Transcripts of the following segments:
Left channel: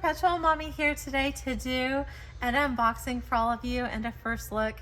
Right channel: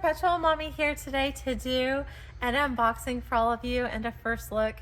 Perpetual Mommy here today to do an unboxing for all of you and a first look.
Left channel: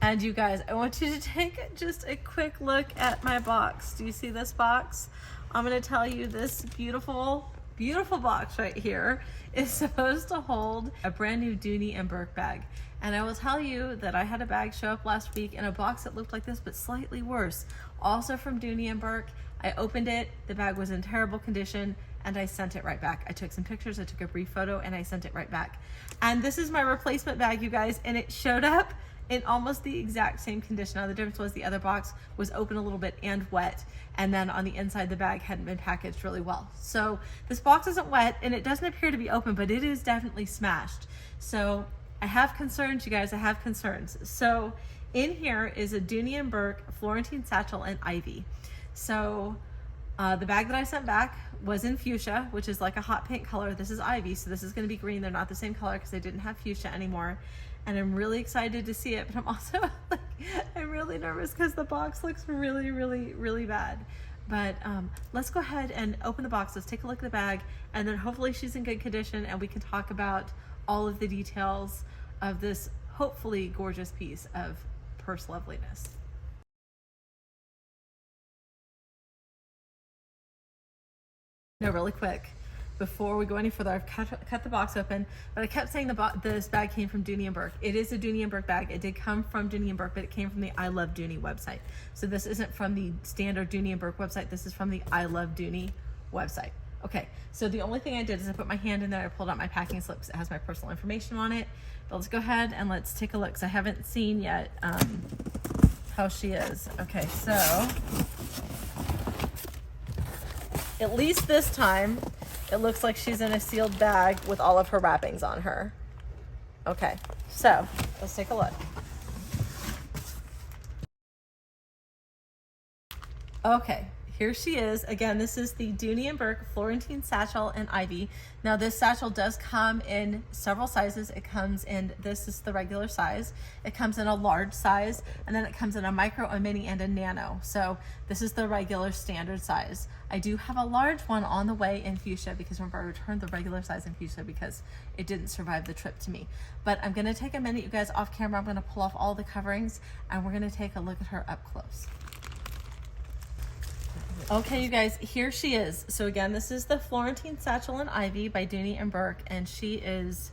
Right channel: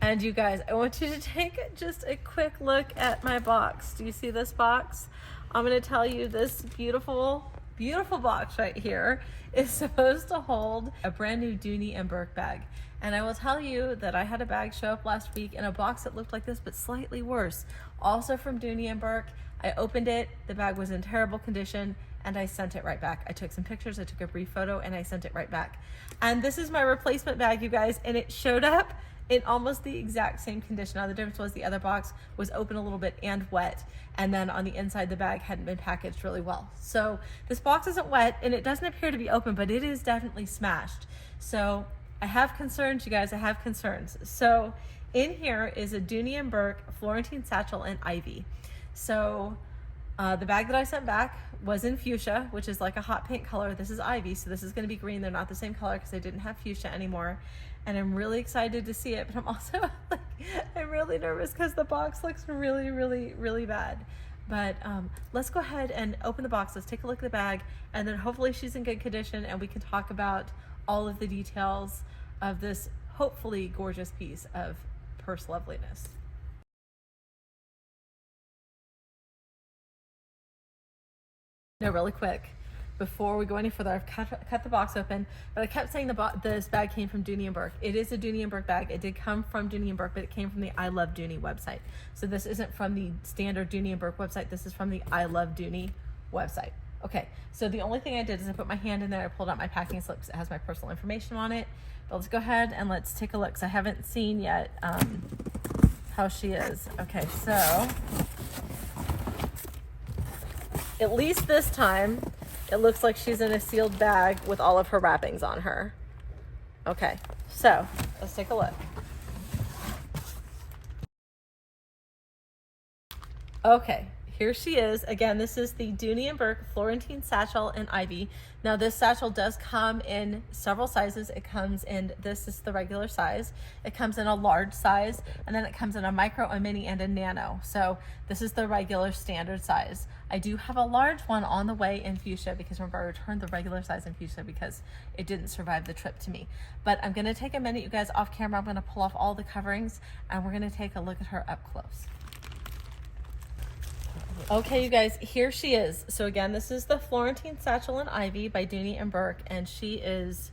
And you guys, I want you to take just a quick look at my box. Do you see this box? I'm going to tell you this beautiful, beautiful box right here is supposed to hold a brand new Dooney and Bourke bag. And I will tell you that I had a bag show up last week in a box that looked like this, but slightly worse. Also from Dooney and Bourke. I opened it, the bag was in terrible condition, and I sent it right back. I took some pictures, I took a brief photo, and I sent it right back. And this is my replacement bag, you guys, and it showed up in almost the exact same condition. Now the difference was the other box was open a little bit and wet, and then on the inside the bag hadn't been packaged really well. So this box isn't wet, and it doesn't appear to be open, but it is definitely smashed. So I have concerns, you guys, I have concerns. So in here is a Dooney and Bourke Florentine Satchel in Ivy. So the bag that I sent back was in fuchsia, which is like a hot pink color. This is Ivy, so this is going to be green. They're not the same color because they didn't have fuchsia anymore. And I'm really excited to see it, but I'm also like, I'm really nervous because the box looks really, really, really bad. But let's go ahead and open the box. Let's take a look at the bag, and then hopefully she's in good condition and we can talk about all of the details of this hopefully gorgeous piece of purse loveliness. No, really quick, before we go any further, I've cut the box open, but I kept saying this bag came from Dooney and Bourke. It is a Dooney and Bourke bag. It did come from Dooney and Bourke, but it came from the I Love Dooney website. So this isn't from the standard Dooney and Bourke website. This is from the I Love Dooney website. Okay, so the only thing I did is I put my hand in there, I pulled out my packing slip because it has my personal information on it. But let's go ahead and let's take a look, because I haven't seen yet how she is. Okay, so at least this time, it looks like she's in a sealed bag with all of her wrappings on her. Okay, so let's take a look. Okay, here she is. Again, this is the Dooney and Bourke Florentine Satchel in Ivy. Now this satchel does come in several sizes. It comes in, this is the regular size. It comes in a large size, and then it comes in a micro, a mini, and a nano. So this is the regular standard size. I do have a large one on the way in fuchsia, because remember I returned the regular size in fuchsia because it didn't survive the trip to me. But I'm gonna take a minute, you guys, off camera. I'm gonna pull off all the coverings and we're gonna take a look at her up close. Okay, you guys, here she is. So again, this is the Florentine Satchel in Ivy by Dooney and Bourke, and she is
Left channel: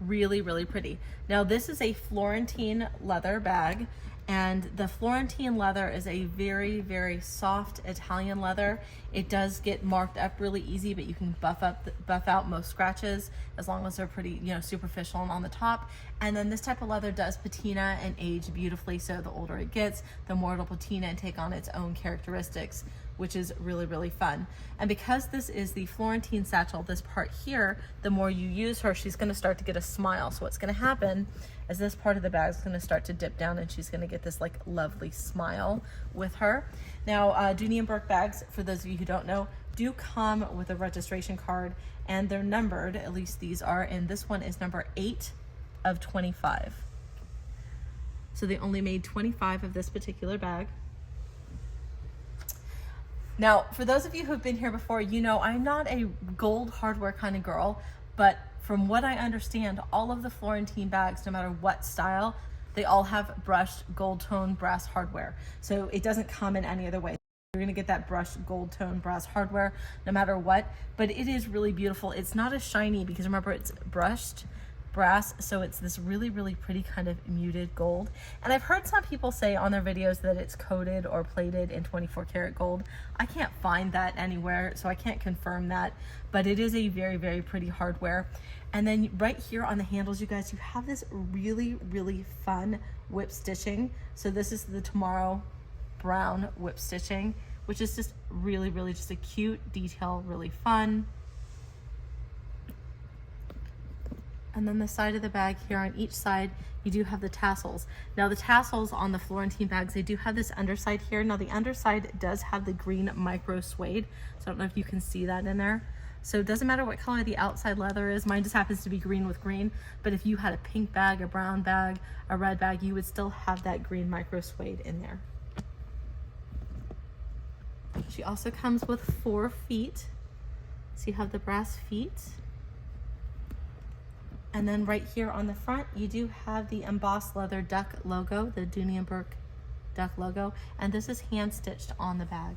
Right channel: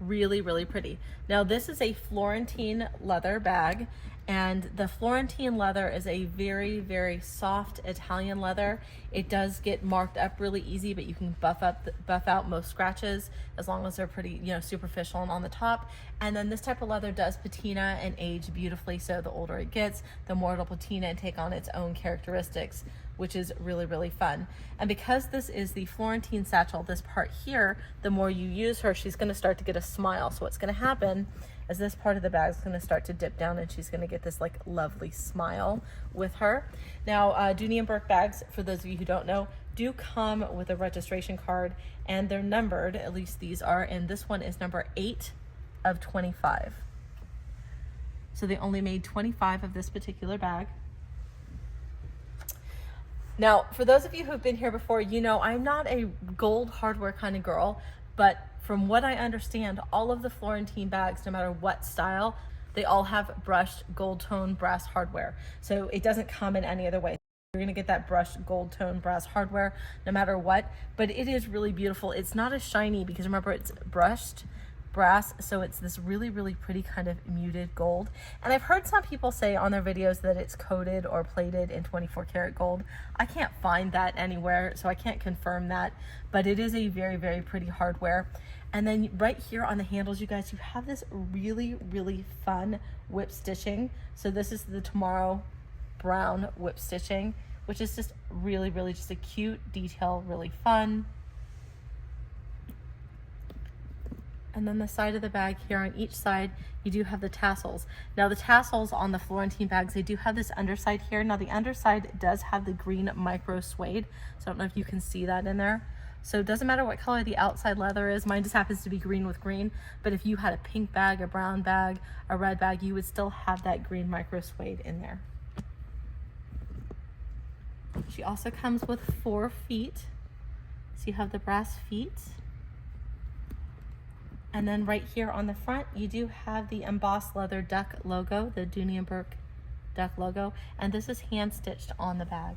really, really pretty. Now this is a Florentine leather bag, and the Florentine leather is a very, very soft Italian leather. It does get marked up really easy, but you can buff out most scratches as long as they're pretty, superficial and on the top. And then this type of leather does patina and age beautifully. So the older it gets, the more it'll patina and take on its own characteristics, which is really, really fun. And because this is the Florentine Satchel, this part here, the more you use her, she's gonna start to get a smile. So what's gonna happen is this part of the bag is gonna start to dip down, and she's gonna get this like lovely smile with her. Now, Dooney and Bourke bags, for those of you who don't know, do come with a registration card, and they're numbered, at least these are, and this one is number 8 of 25. So they only made 25 of this particular bag. Now, for those of you who have been here before, I'm not a gold hardware kind of girl, but from what I understand, all of the Florentine bags, no matter what style, they all have brushed gold tone brass hardware. So it doesn't come in any other way. You're gonna get that brushed gold tone brass hardware no matter what, but it is really beautiful. It's not as shiny because remember, it's brushed brass, so it's this really, really pretty kind of muted gold. And I've heard some people say on their videos that it's coated or plated in 24 karat gold. I can't find that anywhere, so I can't confirm that, but it is a very, very pretty hardware. And then right here on the handles, you guys, you have this really, really fun whip stitching. So this is the Tomorrow brown whip stitching, which is just really, really just a cute detail, really fun. And then the side of the bag here, on each side, you do have the tassels. Now the tassels on the Florentine bags, they do have this underside here. Now the underside does have the green micro suede. So I don't know if you can see that in there. So it doesn't matter what color the outside leather is. Mine just happens to be green with green. But if you had a pink bag, a brown bag, a red bag, you would still have that green micro suede in there. She also comes with 4 feet. So you have the brass feet. And then right here on the front, you do have the embossed leather duck logo, the Dooney Bourke duck logo, and this is hand stitched on the bag.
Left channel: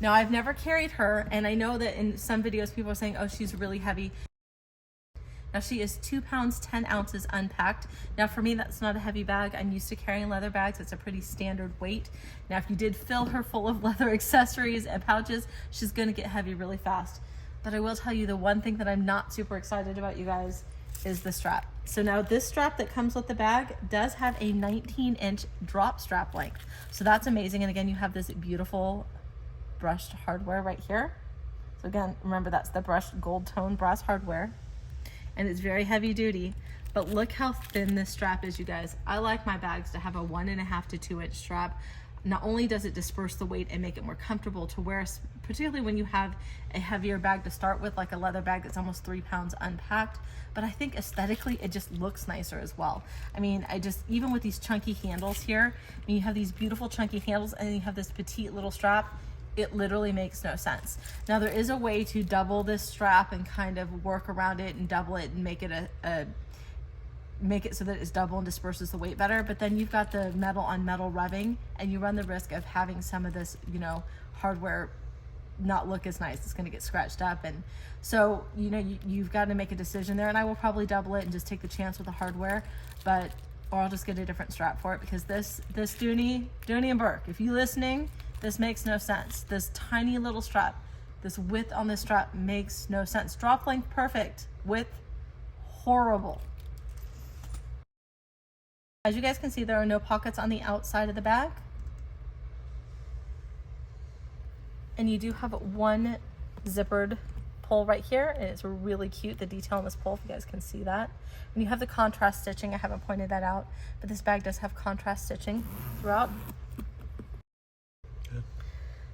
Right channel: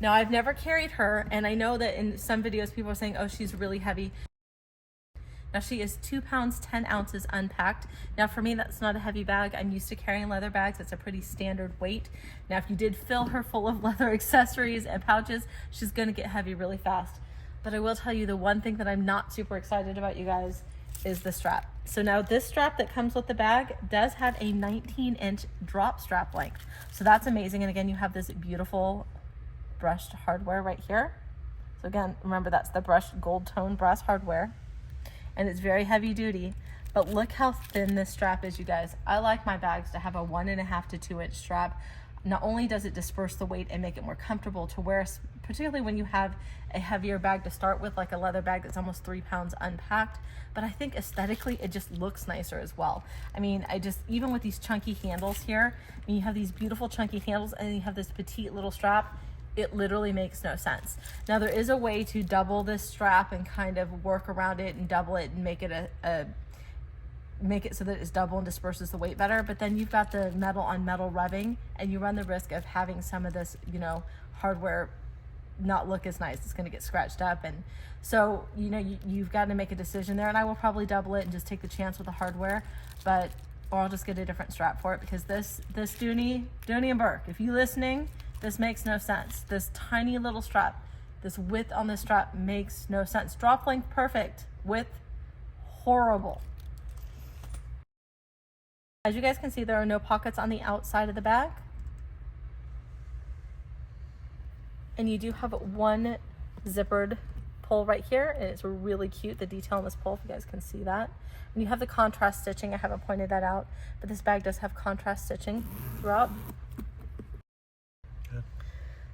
Now, I've never carried her, and I know that in some videos people are saying, oh, she's really heavy. Now, she is 2 pounds, 10 ounces unpacked. Now, for me, that's not a heavy bag. I'm used to carrying leather bags. It's a pretty standard weight. Now, if you did fill her full of leather accessories and pouches, she's gonna get heavy really fast. But I will tell you the one thing that I'm not super excited about, you guys, is the strap. So now this strap that comes with the bag does have a 19-inch drop strap length. So that's amazing. And again, you have this beautiful brushed hardware right here. So again, remember that's the brushed gold tone brass hardware. And it's very heavy duty, but look how thin this strap is, you guys. I like my bags to have a 1.5 to 2 inch strap. Not only does it disperse the weight and make it more comfortable to wear, particularly when you have a heavier bag to start with, like a leather bag that's almost 3 pounds unpacked, but I think aesthetically it just looks nicer as well. I mean, even with these chunky handles here, I mean, you have these beautiful chunky handles and then you have this petite little strap. It literally makes no sense. Now, there is a way to double this strap and kind of work around it and double it and make it make it so that it's double and disperses the weight better. But then you've got the metal on metal rubbing, and you run the risk of having some of this, you know, hardware not look as nice. It's going to get scratched up, and so you've got to make a decision there. And I will probably double it and just take the chance with the hardware, or I'll just get a different strap for it, because this Dooney and Bourke, if you're listening, this makes no sense. This tiny little strap, this width on this strap makes no sense. Drop length perfect, width horrible. As you guys can see, there are no pockets on the outside of the bag. And you do have one zippered pull right here, and it's really cute, the detail on this pull, if you guys can see that. And you have the contrast stitching. I haven't pointed that out, but this bag does have contrast stitching throughout.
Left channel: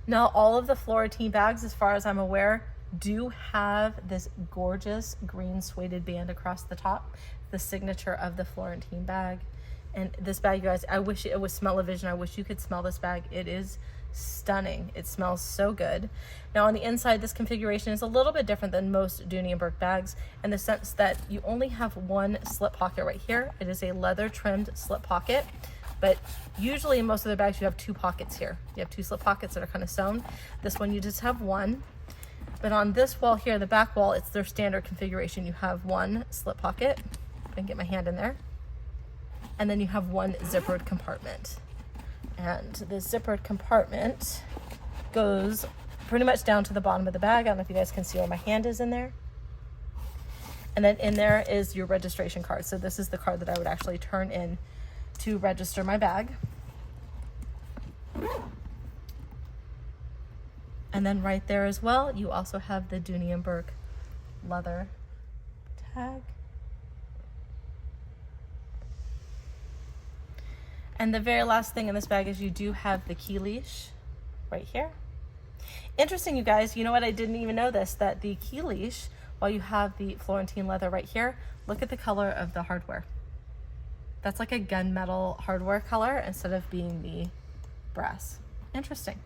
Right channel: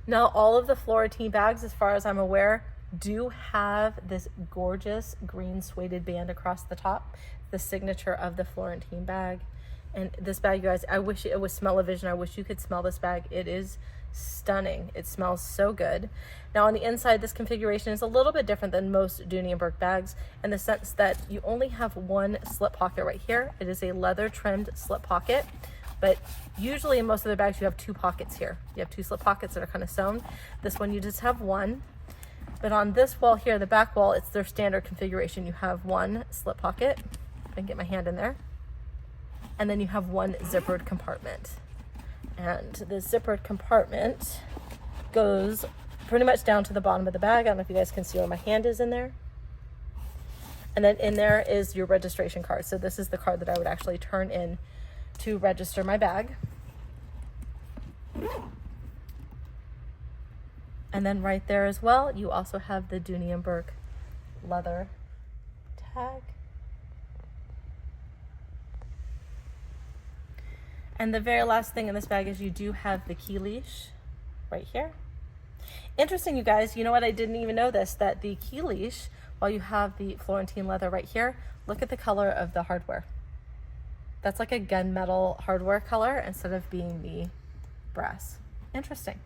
Now, all of the Florentine bags, as far as I'm aware, do have this gorgeous green suede band across the top, the signature of the Florentine bag. And this bag, you guys, I wish it was smell-o-vision. I wish you could smell this bag. It is stunning. It smells so good. Now, on the inside, this configuration is a little bit different than most Dooney & Bourke bags in the sense that you only have one slip pocket right here. It is a leather-trimmed slip pocket. But usually in most of the bags, you have 2 pockets here. You have 2 slip pockets that are kind of sewn. This one, you just have one. But on this wall here, the back wall, it's their standard configuration. You have one slip pocket. I can get my hand in there. And then you have one zippered compartment. And the zippered compartment goes pretty much down to the bottom of the bag. I don't know if you guys can see where my hand is in there. And then in there is your registration card. So this is the card that I would actually turn in to register my bag. And then right there as well, you also have the Dooney & Bourke leather tag. And the very last thing in this bag is you do have the key leash right here. Interesting, you guys, you know what, I didn't even know this, that the key leash, while you have the Florentine leather right here, look at the color of the hardware. That's like a gunmetal hardware color instead of being the brass. Interesting.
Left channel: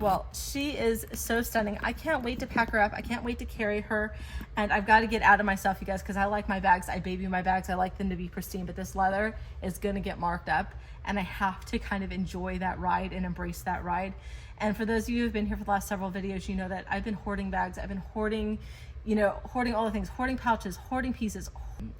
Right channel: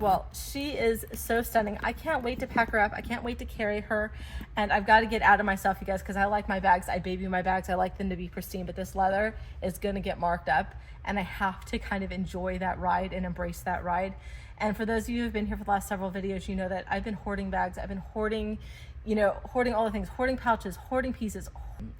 Well, she is so stunning. I can't wait to pack her up. I can't wait to carry her. And I've got to get out of myself, you guys, because I like my bags. I baby my bags. I like them to be pristine, but this leather is going to get marked up, and I have to kind of enjoy that ride and embrace that ride. And for those of you who've been here for the last several videos, you know that I've been hoarding bags. I've been hoarding, hoarding all the things, hoarding pouches, hoarding pieces,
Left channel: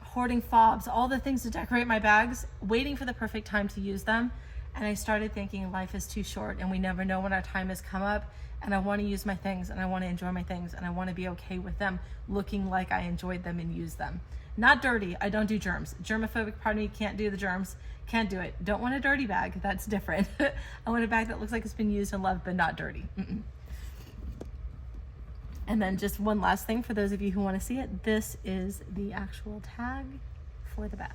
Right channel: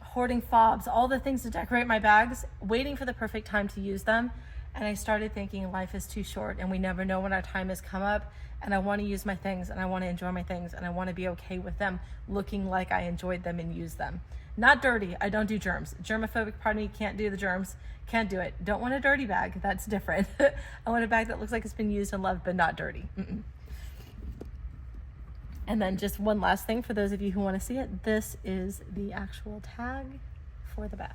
hoarding fobs, all the things to decorate my bags, waiting for the perfect time to use them. And I started thinking life is too short and we never know when our time has come up, and I want to use my things and I want to enjoy my things and I want to be okay with them looking like I enjoyed them and used them. Not dirty. I don't do germs. Germophobic part of me can't do the germs. Can't do it. Don't want a dirty bag. That's different. I want a bag that looks like it's been used and loved but not dirty. And then just one last thing for those of you who want to see it. This is the actual tag for the bag.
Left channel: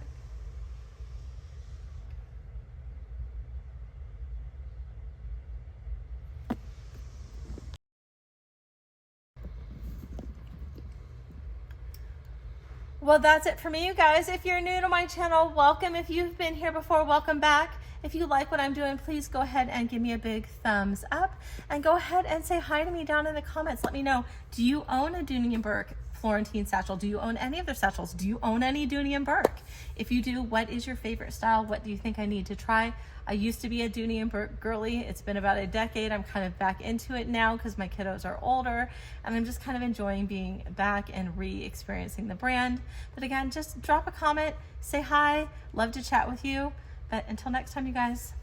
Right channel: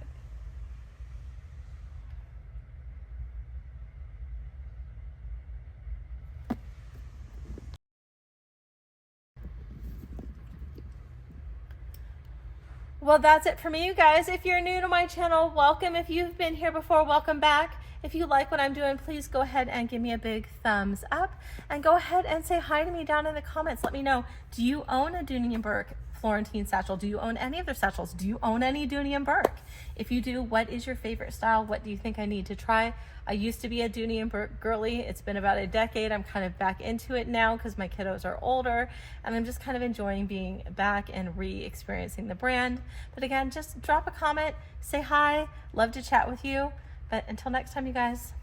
Well, that's it for me, you guys. If you're new to my channel, welcome. If you've been here before, welcome back. If you like what I'm doing, please go ahead and give me a big thumbs up, and go ahead and say hi to me down in the comments. Let me know, do you own a Dooney Bourke Florentine satchel? Do you own any of their satchels? Do you own any Dooney Bourke? If you do, what is your favorite style? What do you think I need to try? I used to be a Dooney Bourke girly. It's been about a decade. I'm kind of back into it now because my kiddos are older, and I'm just kind of enjoying being back and re-experiencing the brand. But again, just drop a comment, say hi, love to chat with you. But until next time, you guys,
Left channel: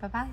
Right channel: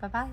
bye-bye.